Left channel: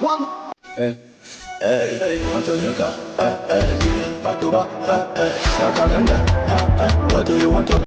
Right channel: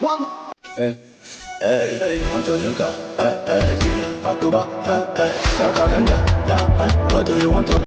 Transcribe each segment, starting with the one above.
One. Hey, hey, hey, want to drink up? Hey, hey, back to back. Hey, hey, what do you want to?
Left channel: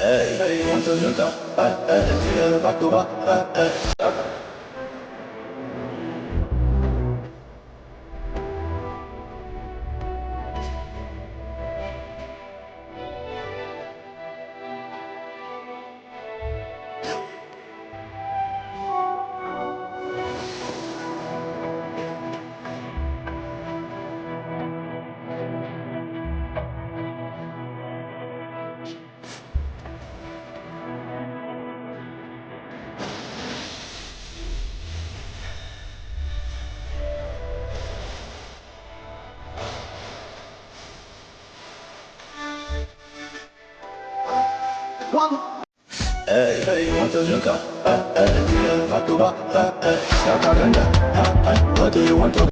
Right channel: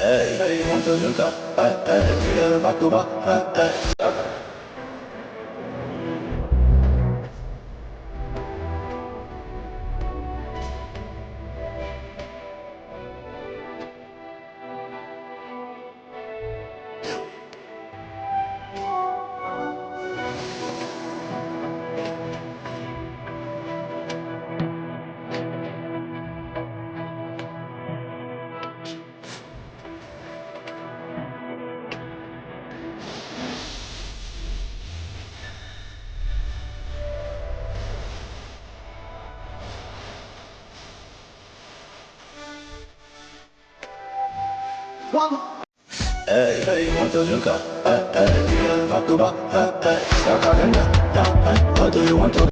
Hey, hey, want to drink up? Hey, hey, back to back. Hey, hey. One. Hey, hey, want to drink up? Hey, hey, back to back. Hey, hey, what do you want to?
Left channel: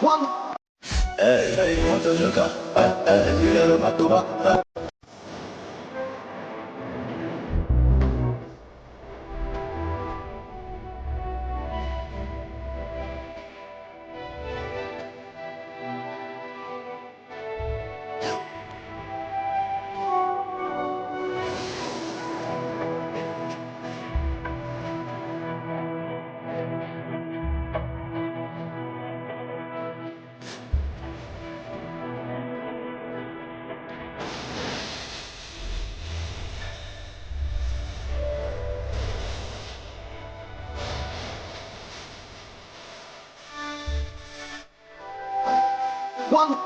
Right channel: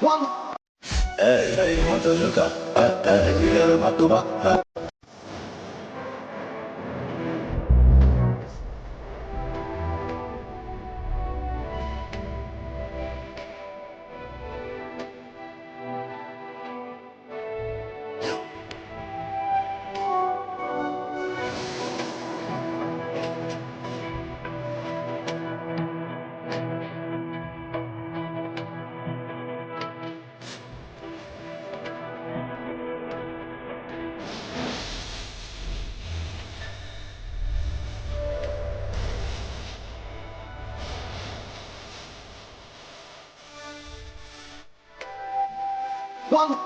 One. Hey, hey, want to drink up? Hey, hey, back to back. One.